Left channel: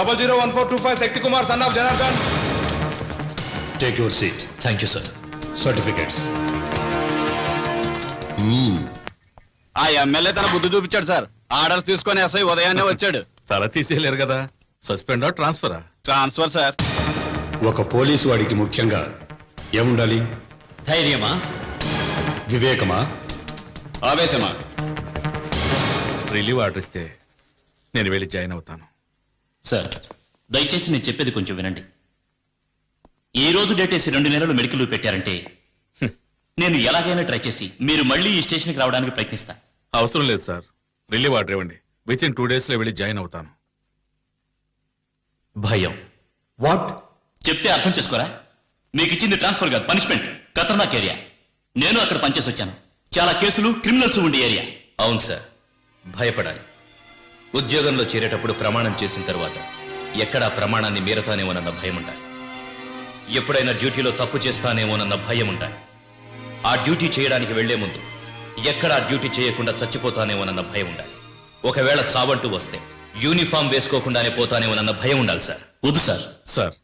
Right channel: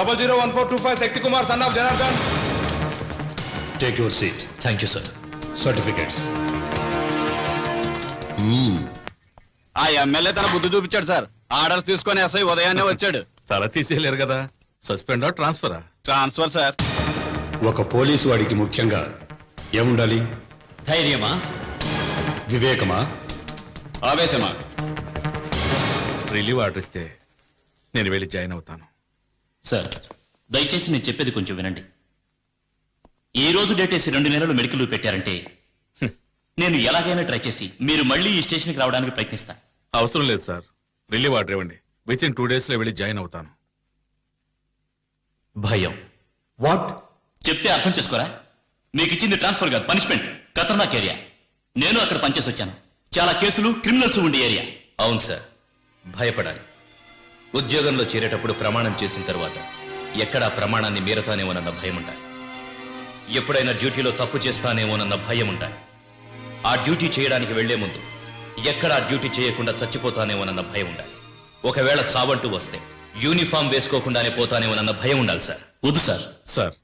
001425 Shakti Kumar, son of Janardhan. Take your seat. Thank you, sir. Certificates. ఆ MLA తన బుద్ధి చూపించాడు sir. Orders తీసుకొని ఎస్ఐ ఉదయాన్నే వచ్చాడు. తల తీసేయలేరు కదా. సస్పెండా ట్రాన్స్ఫరా? Transfer sir. ఒక పోలీసు వాడికి ముఖ్యంగా ఏముండాలి? ధైర్యమా, వివేకమా, ఆవేశమా? రిలీవ్ ఆర్డర్ ఇస్తే నేను వెళ్ళి జాయిన్ అవుతాను. సార్ దయచేసి నేను చెప్పేది కొంచెం వినండి. ఈ రోజు డేటేసి 2 నెలలు మెడికల్ లీవ్ పెట్టారంటే నేను ఎలాగైనా ట్రై చేసి మీరు మళ్ళీ ఈ స్టేషన్కి రావడానికి ప్రయత్నిస్తా. అవసరం లేదు సార్, రిలీవ్ ఆర్డర్ ఇవ్వండి. వితిన్ 2 days లో వెళ్ళి జాయిన్ అవుతాను. భయం వాట్? చెప్తే అర్థం చేసుకోరా? మీకు ఇచ్చింది ట్రాన్స్ఫర్ కాదు, పనిష్మెంట్. ఖతర్నాక్ ఏరియా. నేను అక్కడ పనిచేసి వచ్చాను. చాలా కేసులు, క్రిమినల్స్ ఉండే ఏరియా. అవును సార్, భయపడాలి. ఉద్యోగంలో చేరేటప్పుడు ప్రమాణం చేసిన తర్వాత ఎక్కడా ప్రమాణాన్ని మీరతానేమోనన్న భయం ఉండాలి. ఎప్పుడైనా డ్యూటీలో తప్పు చేస్తానేమోనన్న భయం ఉండాలి. ఆ డ్యూటీ చేయడానికి వెళ్లే ముందు ఎక్కడా డ్యూటీ చేయకుండా చచ్చిపోతానేమోనన్న భయం ఉండాలి. ఒకవేళ చావంటూ వస్తే యూనిఫామ్ వేసుకోకుండానే పోతానేమోనన్న భయం ఉండాలి సార్. వద్దు సార్. సార్,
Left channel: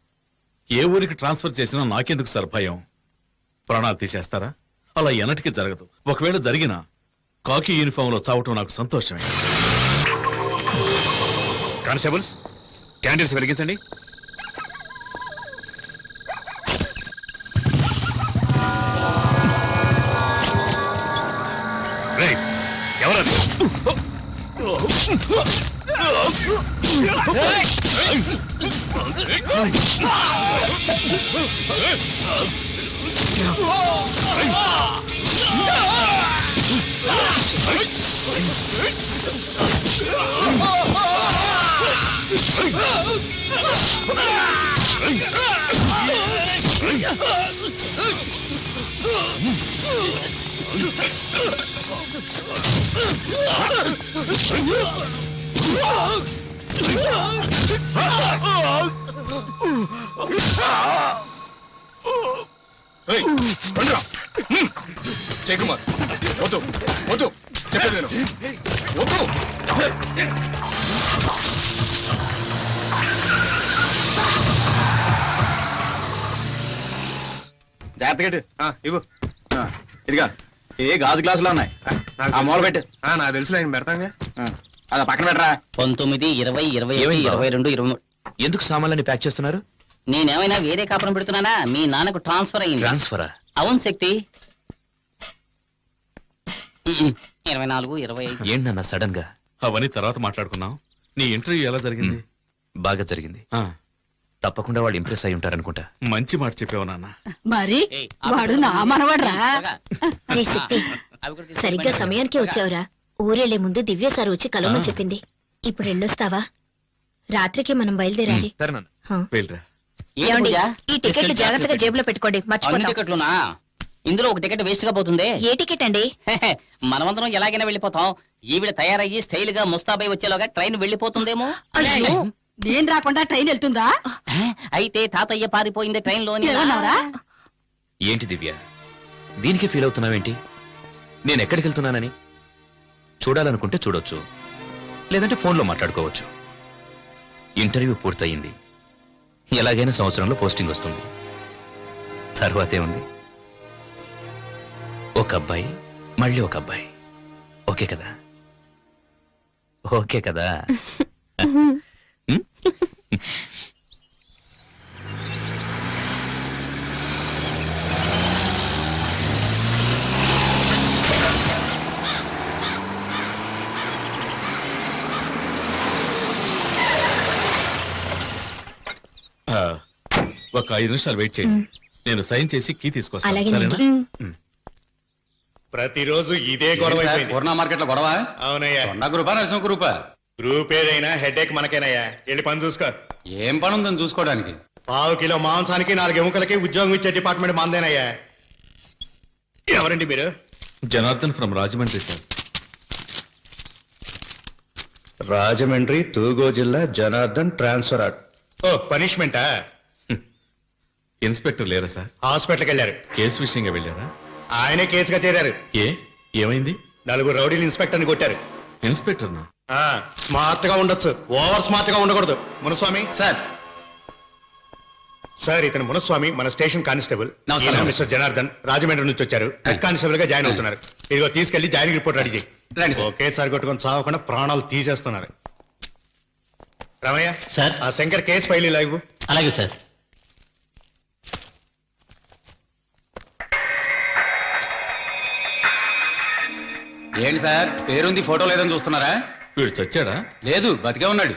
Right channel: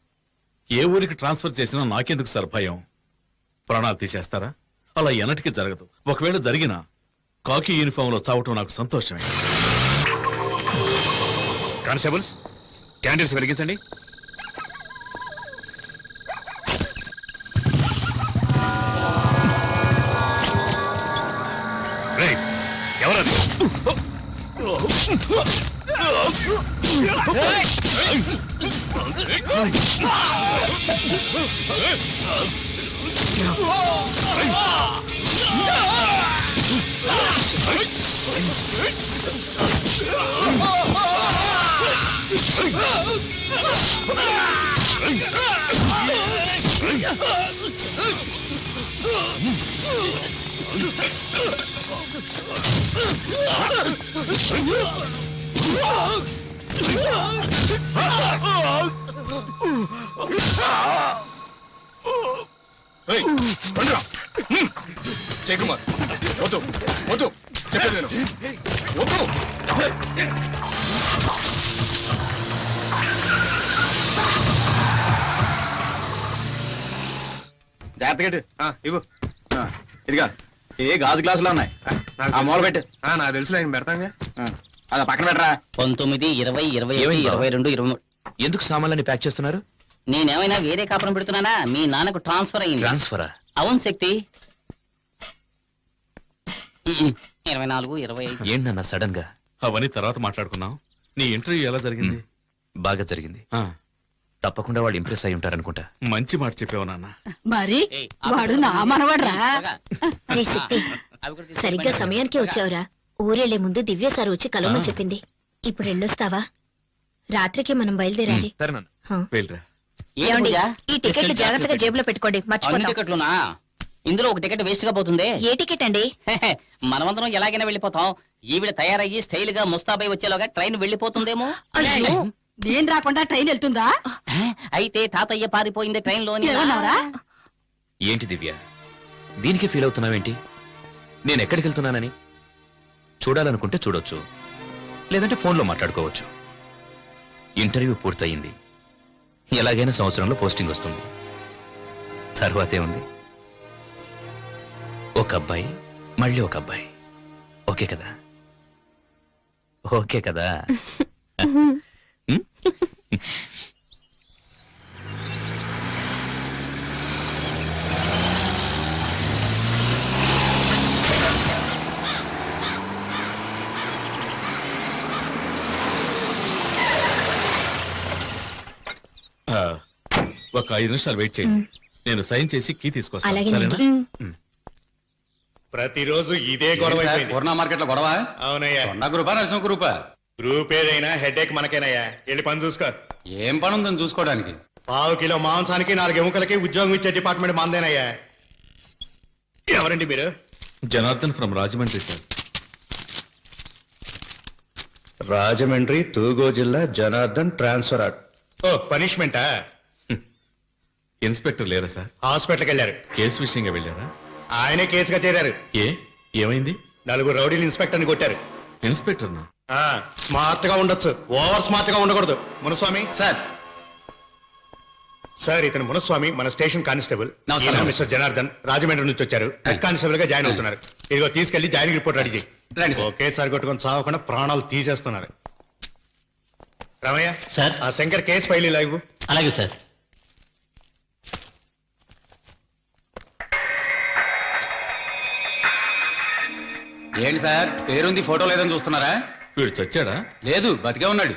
ఏ ఊరికి ట్రాన్స్ఫర్ చేసినా నాకెందుకు సార్ భయం? ప్రాణాలు తీసేస్తారా? అలా ఎన్నటికీ జరగదు. ఒకవేళ జరిగినా కాకి యూనిఫామ్ లో చావటం నాకు సంతోషమే. కానిస్టేబుల్స్, క్యాండిల్స్ వెలిగించండి. రేయ్, ఎవరది? జయకుమార్, వద్దు వద్దు, చెప్పేది నేను. వద్దు. జాగ్రత్తగా ఇవ్వు. ఇదిగా ఏ గాజు గ్లాసులో ఉన్నాయి. ఆ మూల పెట్టు. నాకు తెలుసు, నేను పెడతాగా. అదా పక్కన పెట్టరా. 19, 20, 21, 22, 23. ఎందుకు సామాన్లని ప్యాక్ చేస్తున్నారు? నేనేమైనా వేరే కాపురం పెడుతున్నానా? మీ నాన్నకు ట్రాన్స్ఫర్ అయింది. ట్రాన్స్ఫరా? అవును శక్తి. 24, 25. ఏంటన్నా సడన్ గా? అవన్నీ తర్వాత మాట్లాడుకున్నాం. నీ ఇంటర్వ్యూ ఎలా జరిగింది? బాగా జరిగింది. ఆ, తప్పకుండా వాళ్ళు ఇంప్రెస్ అయి ఉంటారనుకుంటా. మంచి మాట చెప్పావు నాన్న. మరి వాడు నా మనవడ్రా. రే శక్తి, సరిగ్గా సమయానికి వచ్చావురా. ఊరెళ్లే ముందు దివ్య సార్ వచ్చి కలవమని చెప్పింది. ఇప్పుడు వెళ్ళొస్తావా? రాత్రికి మనం బయలుదేరాలి. సరే నాన్న, హ. వెళ్ళరా. ఏమండి, ఈ టికెట్లు జాగ్రత్తగా జేబులో పెట్టుకోండి, అన్ని మర్చిపోతాం. టికెట్లునా? ఇందులో ఒక టికెట్ వేస్ట్ గా పోతుంది. ఏ టికెట్ అండి? మనమందరం ఎలాగైనా వెళ్ళిపోతాం. ఈవిడ తయారయ్యి స్టైల్ గా ముస్తాబై వచ్చేలోగా ట్రైన్ వెళ్ళిపోతుందేమో. అయ్యో, నేను రాకుండా ట్రైన్ వెళ్తుందా? అయితే తాతయ్య పారిపోయింది ట్రైన్ లోని. ఏమన్నావురా? ఏంటి దివ్య, దీనికి ఫీల్ అవుతున్నావేంటి? నేను ఎక్కడికి వెళ్తున్నానని? చూడాలనుకుంటే చూడొచ్చు, లేదంటే ఫోన్లో మాట్లాడుకోవచ్చు. ఇంటర్వ్యూ పూర్తయింది. ఎలాగైనా సంవత్సరంలో పోస్టింగ్ వస్తుంది. తర్వాతే ఉంది, ఒక అబ్బాయి, మళ్ళీ ఒక అబ్బాయి. ఓకే కదా? ఓకే కదా? ఒక 5 నిమిషాలు వెయిట్ చేయండి. నేను సైన్ చేసి కీ తీసుకొస్తాను. అలాగేనండి. సరేనా? ప్రతిరోజు ఇదే గొడవ అయిపోయింది. పూర్ణ మార్కెట్ లో గొడవ. అవునయ్యా. కొండ గ్రూపా, నరసింహ గ్రూపా? గ్రూప్ ఏదైనా హెడేక్ మనకేనయ్యా. వెళ్ళి పని చూసుకో. ఏం పని ఉందని చూసుకోవడానికి? 1/2 కిలో మాంసానికి 4 ఎముకలకి ఉద్యోగం ఇచ్చే డిపార్ట్మెంట్ మందేనయ్యా. ఎవరండి మీరు? Janardhan from Rajahmundry sir. రాజమండ్రి, తూగో జిల్లా, జనార్దన్ ట్రాన్స్ఫర్. ఓ, పనిష్మెంటా? ఇన్స్పెక్టర్ లేరా సార్? హాస్పిటల్కి వెళ్ళారు. కేసు విషయంగా వెళ్ళారా? ఆయనే కేసుగా చేరారు. ఏమైంది? 4 రౌడీలు ఇన్స్పెక్టర్ని కొట్టారు. ఇన్స్పెక్టర్నా? స్మార్ట్ గా ఉండొచ్చు ఓవర్ స్మార్ట్ గా ఉండకూడదు. మునుస్వామి సార్ సార్, ఇతను మునుస్వామి, మన స్టేషన్ కానిస్టేబుల్. నమస్కారం. ఈయన మిస్టర్ జనార్దన్, రాజమండ్రి నుంచి వచ్చారు. హెడ్ కానిస్టేబుల్ గా జాయిన్ అవుతున్నారు. ఇదిగో తీసుకెళ్లి జాయినింగ్ రిపోర్ట్ రెడీ చేయి. రండి సార్. ఒకేసారి కొట్టుకొని చావకుండా ప్రాణాలు తీసేస్తున్నారు. రామయ్య సార్. ఆ శంకర్ కేసు ఫైల్ ఇలా ఇవ్వు. అలాగే సార్. ఏంటి సార్ పేరుంది ఫోటో లేదని చూస్తున్నారా? వీడు చచ్చాడా? లేదు, బతికే ఉన్నాడు.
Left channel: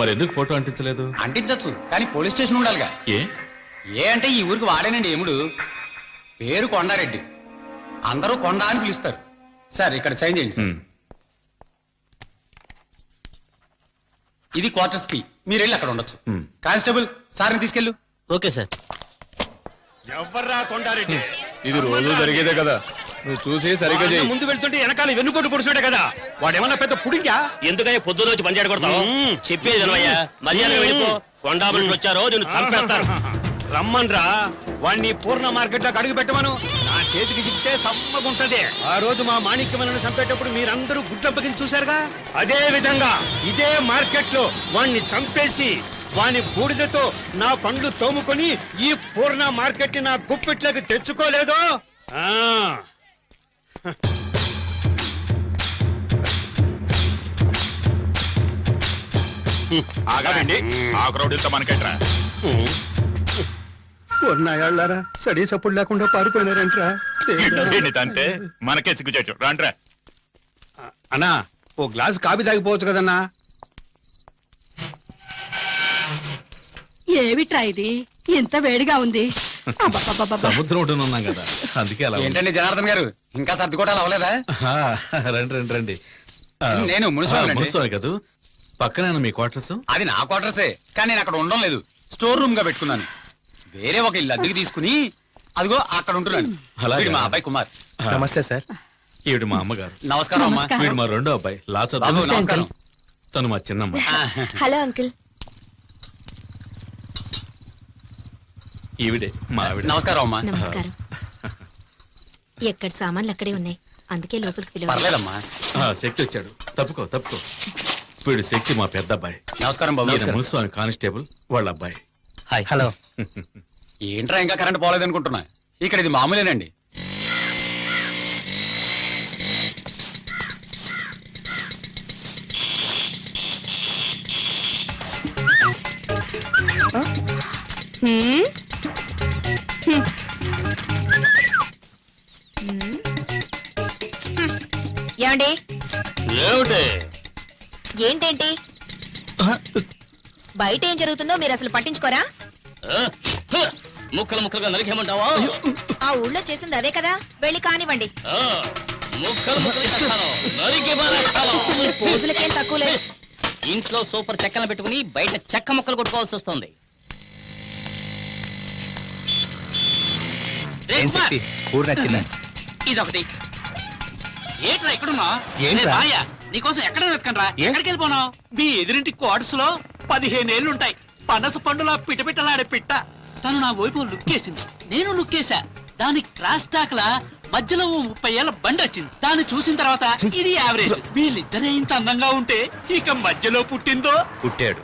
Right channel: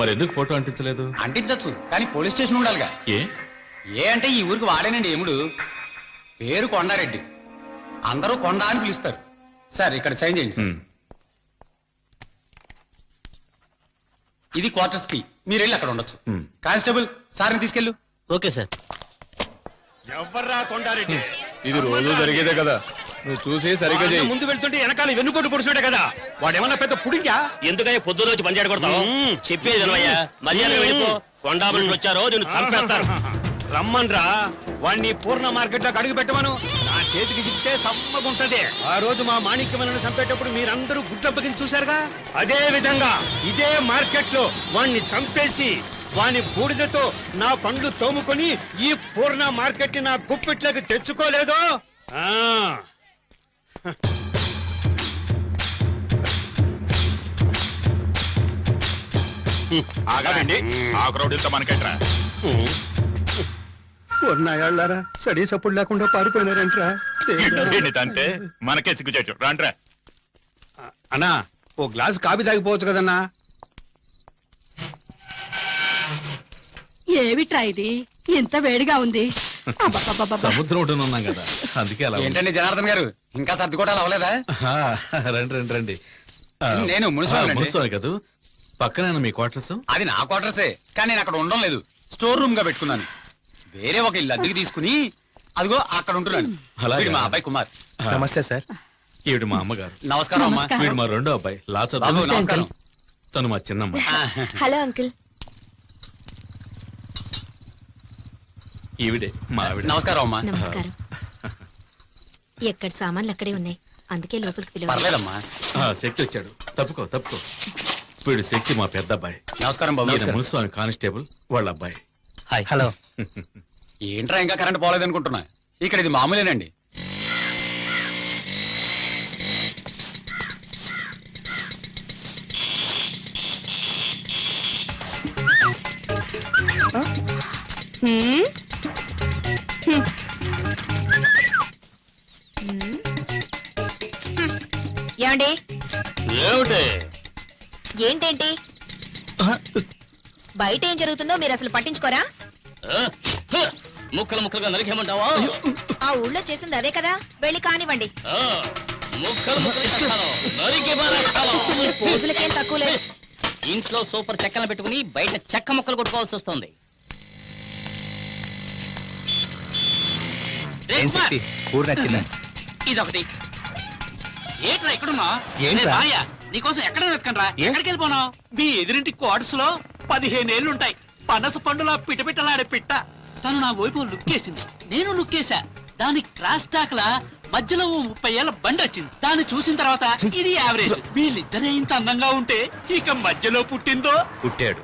మరి ఎందుకు ఫోటో అంటించలేదు? అంటించచ్చు, కానీ పోలీస్ స్టేషన్ ఉండాలిగా. ఏ ఏ అంటే ఈ ఊరికి వాడేనండి ఎముడు. పేరు కొండారెడ్డి, అందరూ కొండ అని పిలుస్తారు. సార్ ఇక్కడ సైన్ చేయండి సార్. ఉమ్. ఇది క్వార్టర్స్ కి, మీరు వెళ్ళి అక్కడ ఉండొచ్చు. ఉమ్. కానిస్టేబుల్ సార్ని తీసుకెళ్ళు. Okay sir. ఎవర్రా కొండారెడ్డి? ఇది రోజు జరిగేదే కదా, నువ్వు చూసి సరిగ్గా చేయి. ముందు వెళ్తుంటే వెనకాల వెన్నుకోటు పొడుచుడే కదా. వాడేమన్నా పెద్ద పుడింగా? ఎందుకయ్యా పొద్దున వచ్చి పంచాడు కొడతావు? చెప్పేది వినవయ్యా, మర్యాద వెళ్ళిపో. కొండా మనుషులు వచ్చారో నేను చంపేస్తారు. రమ్మన్రా, వాడిని పూర్ణ మార్కెట్ లోకి అడుగు పెట్టమను. నా చేతికి చిక్తే సమ్మగుంటది. ఆ రోజు మా మాణిక్యమలను చంపేటప్పుడు మీరందరూ గుడ్డప్పగించి చూశారుగా. అదే విధంగా ఇదే మార్కెట్ లో వాణ్ణి చంపేసి వాని బూడిదతో నా పండ్లు తోముకొని ఈ పూర్ణ మార్కెట్ నా గుప్పిట్లోకి తెచ్చుకోలేదో. ఆ ఆగాలండి, ఆ క్రౌడ్ ఇంత మనకెట్రా? ఉన్నాయాళ్ళారా సడీ సప్పుడు లేకుండా పారిపోయినారంట్రా. అంటే మనకే సిగ్గుచేటు. రాంట్రా. అన్నా, ఓ గ్లాస్ కాఫీ తాగిపోవచ్చు కదన్నా. ఏమిట్రా ఇది ఇంత వేడిగా ఉంది? అబ్బబ్బబ్బబ్బ. సముద్రం ఒడ్డున ఉన్నాం కదా, అందుకే అలా ఉంది. ఏంటండి జనార్దన్ గారు, ఇంకా సర్దుకోవటాలు అవ్వలేదా? ఆ, రండి రండి రండి. ఆ, నేను మున్సిపాలిటీ. మున్సిపాలిటీ కాదు, పక్కనే మీ క్వార్టర్స్. అది నా క్వార్టర్సే, కానీ నేను అక్కడ ఉండడం లేదు. స్టోర్ రూమ్ గా పెట్టుకున్నాను. వేరే ఒక ఇల్లు అద్దెకి తీసుకుని అదిగో అక్కడ ఉంటున్నాను. అలాగా? వీడు మా అబ్బాయి కుమార్. నమస్తే సార్. ఈవిడ మా అమ్మగారు. నమస్కారం అమ్మా. నమస్కారం. వీడు మా రెండో అబ్బాయి లా బాబు, చదువు. నమస్కారం. తను మా చిన్నమ్మ. Hello uncle. ఈవిడే మా ఆవిడ. నమస్కారం అమ్మా. నమస్కారం. ఎక్కడ సామాన్లు అక్కడే ఉన్నాయి, అందుకే లోపలికి పిలవాలి. పర్లేదమ్మా. శక్తి వచ్చాడు, తప్పుకో తప్పుకో. వీడు శక్తి మా పెద్ద అబ్బాయి. నమస్కారం బాబు. ఈయన మున్సిపల్ కానిస్టేబుల్ వాళ్ళ అబ్బాయి. హాయ్. హలో. ఏంట్రా ఇంకా కరెంట్ పోలేదనుకుంటున్నా? ఇక్కడ ఇది మామూలేనండి. హ్మ్? ఏమండి? ఏంటేంటి బయట ఏం జరుగుతుందో మీరు అసలు పట్టించుకోరా? ముక్కలు ముక్కలుగా నరికేమంటావా? ఆ ఊళ్ళో చేసింది అదే కదా, వెళ్ళి కానివ్వండి. ముక్కలు ముక్కలు నరికి పారేస్తాను. ఈ పోజులకేం తక్కువ లేదు. ఇంట్లో సూపర్ చెక్కలు పెట్టుకుని బయట చెక్క ముక్కలు కొట్టుకోవాల్సి వస్తుంది. ఊరు నచ్చిందా? ఇదొకటి. ఏంట్రా ఇక్కడున్నా? ఏంట్రా? నీకోసం ఎక్కడ వెతకండ్రా? ఎక్కడికి వెళ్ళిపోనావు? మీ ఎదురింటి క్వార్టర్స్ లో 15 ఏళ్లుంటాయి. పనస పండులో పిటపిటలాడే పిట్ట. తను నా వైపు లుక్కేసింది, నేను లుక్కేసా. దాని క్రాస్ టాక్ లా మధ్యలో ఓ 30 ఏళ్ల బండి వచ్చింది. దాన్ని చూసిన తర్వాత ఇది యావరేజ్. వీళ్ళిద్దరే ఇంత అందంగా ఉంటే ఇక మధ్యలో పుట్టిందో. పుట్టాడు.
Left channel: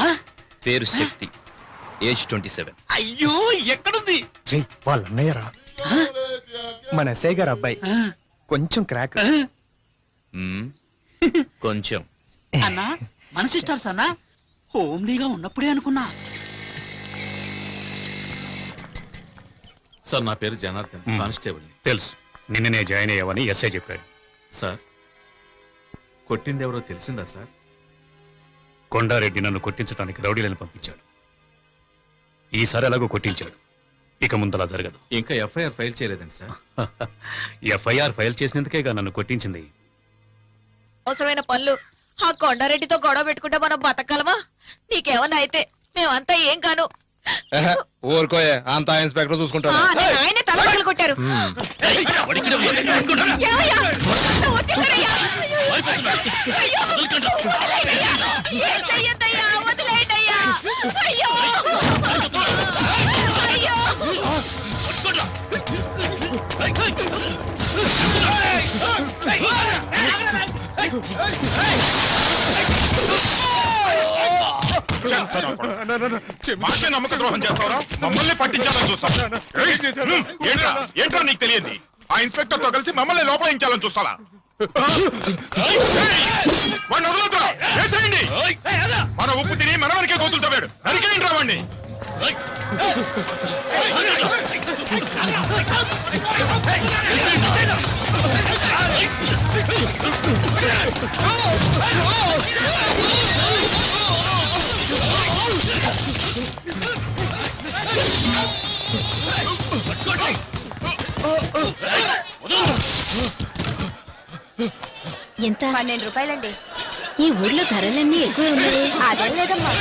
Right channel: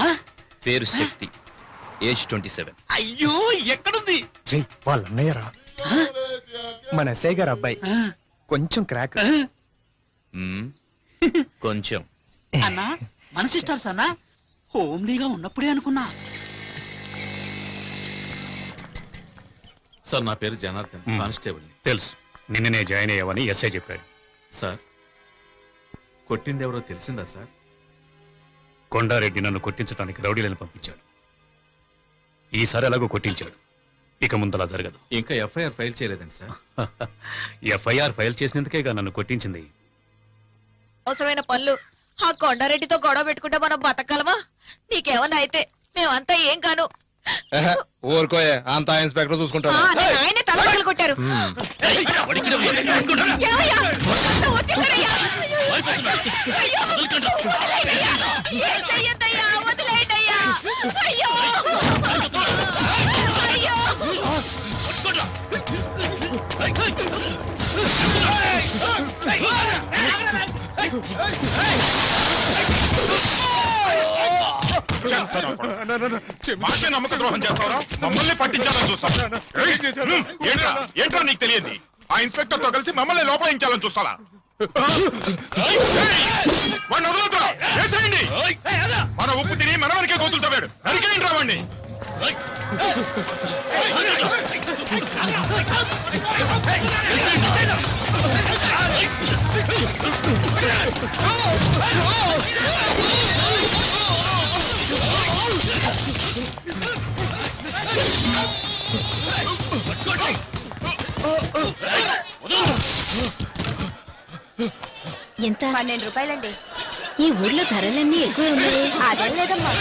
ఆ? పేరు శక్తి, ఏజ్ 27. అయ్యో ఎక్కడుంది? వాళ్ళ అన్నయ్యరా, మన ఎస్ఐ గారు అబ్బాయి. కొంచెం క్రాక్. మ్మ్. కొంచెం. అన్నా మన సిస్టర్స్ అన్నా, హోమ్లీగా ఉన్నప్పుడే అనుకున్నా. సార్, నా పేరు జనార్దన్, కానిస్టేబుల్. తెలుసు, నిన్ననే జాయిన్ అయ్యావని ఎస్ఐ చెప్పాడు. సార్, కొట్టింది ఎవరో తెలిసిందా సార్? కొండారెడ్డి నన్ను కొట్టించడానికి రౌడీలను పంపించాడు. ఈసారి ఎలాగో కొట్టించాడు, ఇక ముందలా జరగదు. ఇంకా ఎఫ్ఐఆర్ ఫైల్ చేయలేదండి సార్. ఎఫ్ఐఆర్ ఫైల్ చేసినందుకేగా నన్ను కొట్టించింది. అవసరమైన పనులు ఆ కొండారెడ్డితో గొడవ పెట్టుకుంటే మనం బతకగలమా? నీకేమన్నా అయితే మేమంతా ఏం కాను. ఊరుకోయే, అంతా ఇన్స్పెక్టర్ చూసుకుంటాడు. ఆయనే తల పగలు కొట్టారు. ఏమయ్యా? వచ్చేసారయ్యా. అయ్యో. వదిలేయండయ్యా. ఏం చెయ్యొద్దయ్యా, వదిలేయండయ్యా. అయ్యో. అయ్యో. మాకే నమ్మక ద్రోహం చేస్తావరా? మమ్మల్ని పట్టించాలని చూస్తావా? ఏంట్రా నీకు తెలియదు? ఆ ఇన్స్పెక్టర్ తో కలిసి మమ్మల్ని లోపలించాలని చూస్తావా? వాడిని వదలొద్దురా, వేసేయండి. మన ఉప్పు తిని మన వరకే గోతులు తవ్వాడు, నరికేయండి రా వాడిని. ఎంత? 12 రూపాయలండి. ఈ ఊర్లో ధరలన్నీ ఎక్కువ ఉన్నాయి. అదేం లేదమ్మా.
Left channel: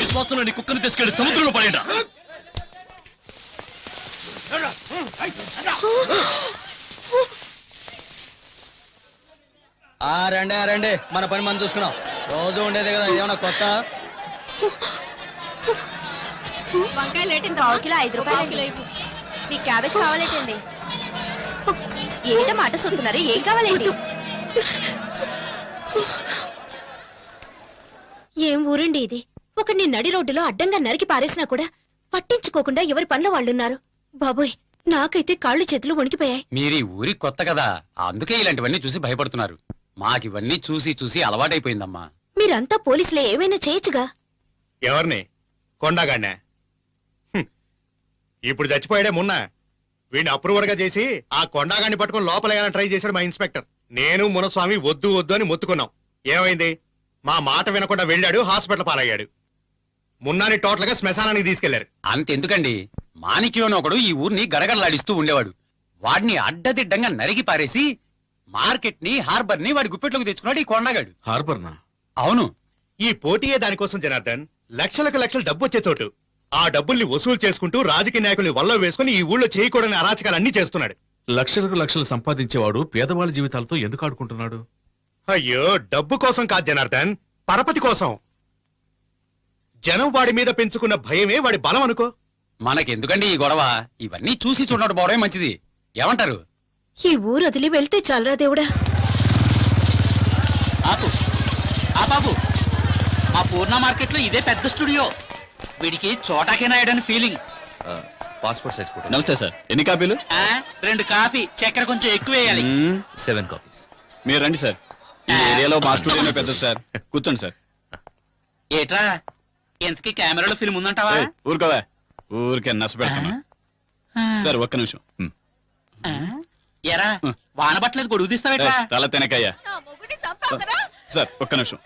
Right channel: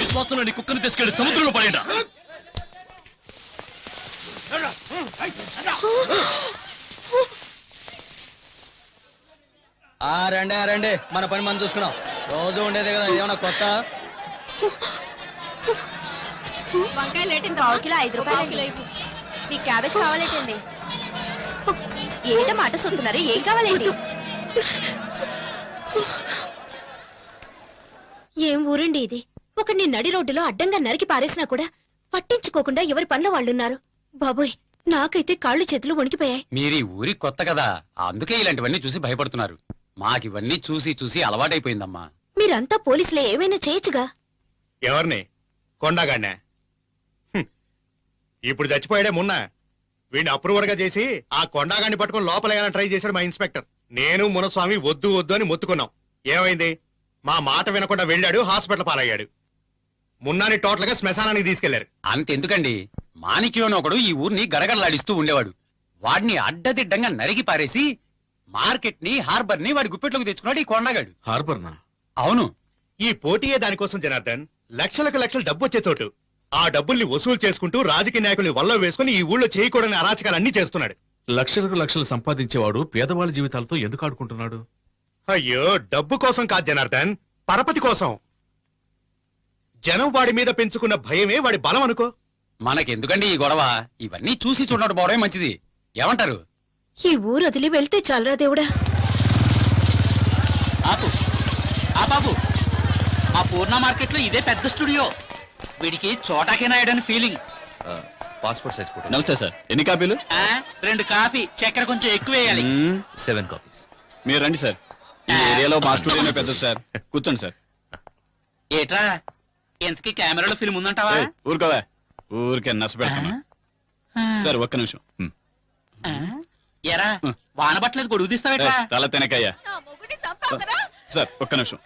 విశ్వాసంలో నీ కుక్కను తీసుకెళ్లి సముద్రంలో పడేయండి. రండి మన పని మనం చూసుకున్నాం. రోజు ఉండేది కదా, ఏమన్నా కొత్త? వంకాయ లేటండి, 5 రూపాయలు. మీ క్యాబేజ్ కావాలేటండి? ఏంట మాట సొత్తున్నారు, ఏం కావాలండి? ఏం ఊరండి ఇది? ఒకడిని నడి రోడ్డులో అడ్డంగా నరికి పారేసినా కూడా పట్టించుకోకుండా ఎవరి పనుల వాళ్ళున్నారు. బాబోయ్, నాకైతే కాళ్ళు చేతులు వణికిపోయాయి. మీరు ఈ ఊరికి కొత్త కదా, అందుకే ఇలాంటివన్నీ చూసి భయపడుతున్నారు. మాకివన్నీ చూసి చూసి అలవాటైపోయిందమ్మా. మీరంతా పోలీసులే, ఏమైనా చేయొచ్చుగా. ఎవరిని? కొండగాడినా? ఇప్పుడు చచ్చిపోయాడే మొన్న. వీడిని అప్రూవర్ గా చేసి ఆ కొండగాడిని పట్టుకుని లోపలేయాలని ట్రై చేశాడు మా ఇన్స్పెక్టర్. నేను మునస్వామి వద్దు వద్దు అని మొత్తుకున్నాం. ఏమైంది? మా మాట వినకుండా వెళ్ళాడు, హాస్పిటల్ పాలయ్యాడు. మున్నాని టోటల్ గా శ్మశానానికి తీసుకెళ్లారు. అంతెందుకండి, మాణిక్యం ఒకడు ఈ ఊరిని గడగడలాడిస్తూ ఉండేవాడు. వాడిని అడ్డదిడ్డంగా నరికి పారేసి మార్కెట్ ని, హార్బర్ ని వాడి గుప్పెట్లోకి తెచ్చుకున్నాడు ఈ కొండగాడు. హార్బర్నా? అవును. ఈ పోటీయే దానికోసం జనార్దన్. లక్షలకు లక్షలు డబ్బు వచ్చే చోటు. ఆ డబ్బుల్ని వసూలు చేసుకుంటూ రాజకీయ నాయకుల్ని వల్ల వేసుకుని ఈ ఊళ్ళో చేయకూడని అరాచకాలన్నీ చేస్తున్నాడు. లక్షలకు లక్షలు సంపాదించేవాడు పేదవాళ్ళ జీవితాలతో ఎందుకు ఆడుకుంటున్నాడు? అయ్యో, డబ్బు కోసం కాదు జనార్దన్, పరపతి కోసం. జనం వాడి మీద పెంచుకున్న భయమే వాడి బలం అనుకో. మనకెందుకండి ఈ గొడవ? ఇవన్నీ చూసి చూడడం పోవడమే మంచిది. ఏమంటారు? ఈ ఊరు వదిలి వెళ్తే చాలరా దేవుడా. ఆపు ఆ బాబు, మా పూర్ణ మార్కెట్ లో ఇదే పెద్ద స్టూడియో. వీడికి Chota K నాయడని feeling. Passport size photo. నమస్తే సార్, ఎన్ని కాపీలు? 2 కాఫీ, చక్కెర కొంచెం ఎక్కువ వేయాలి. 7 కాపీస్. మీరు రండి సార్, ఈ ఏరియాలో మా స్టూడియోనే పెద్ద సార్. కూర్చోండి సార్. ఏట్రా, ఎంతకీ కెమెరాలో ఫిల్మ్ ఉందంటావా? ఊరుకోవా, ఊరికే నచ్చ పెడతాను. సార్ ఒక్క నిమిషం. ఎరా, వాన పట్టలేదు, గొడుగు తీస్తావేట్రా? తల తినకయ్యా. సార్ ఒక్క నిమిషం.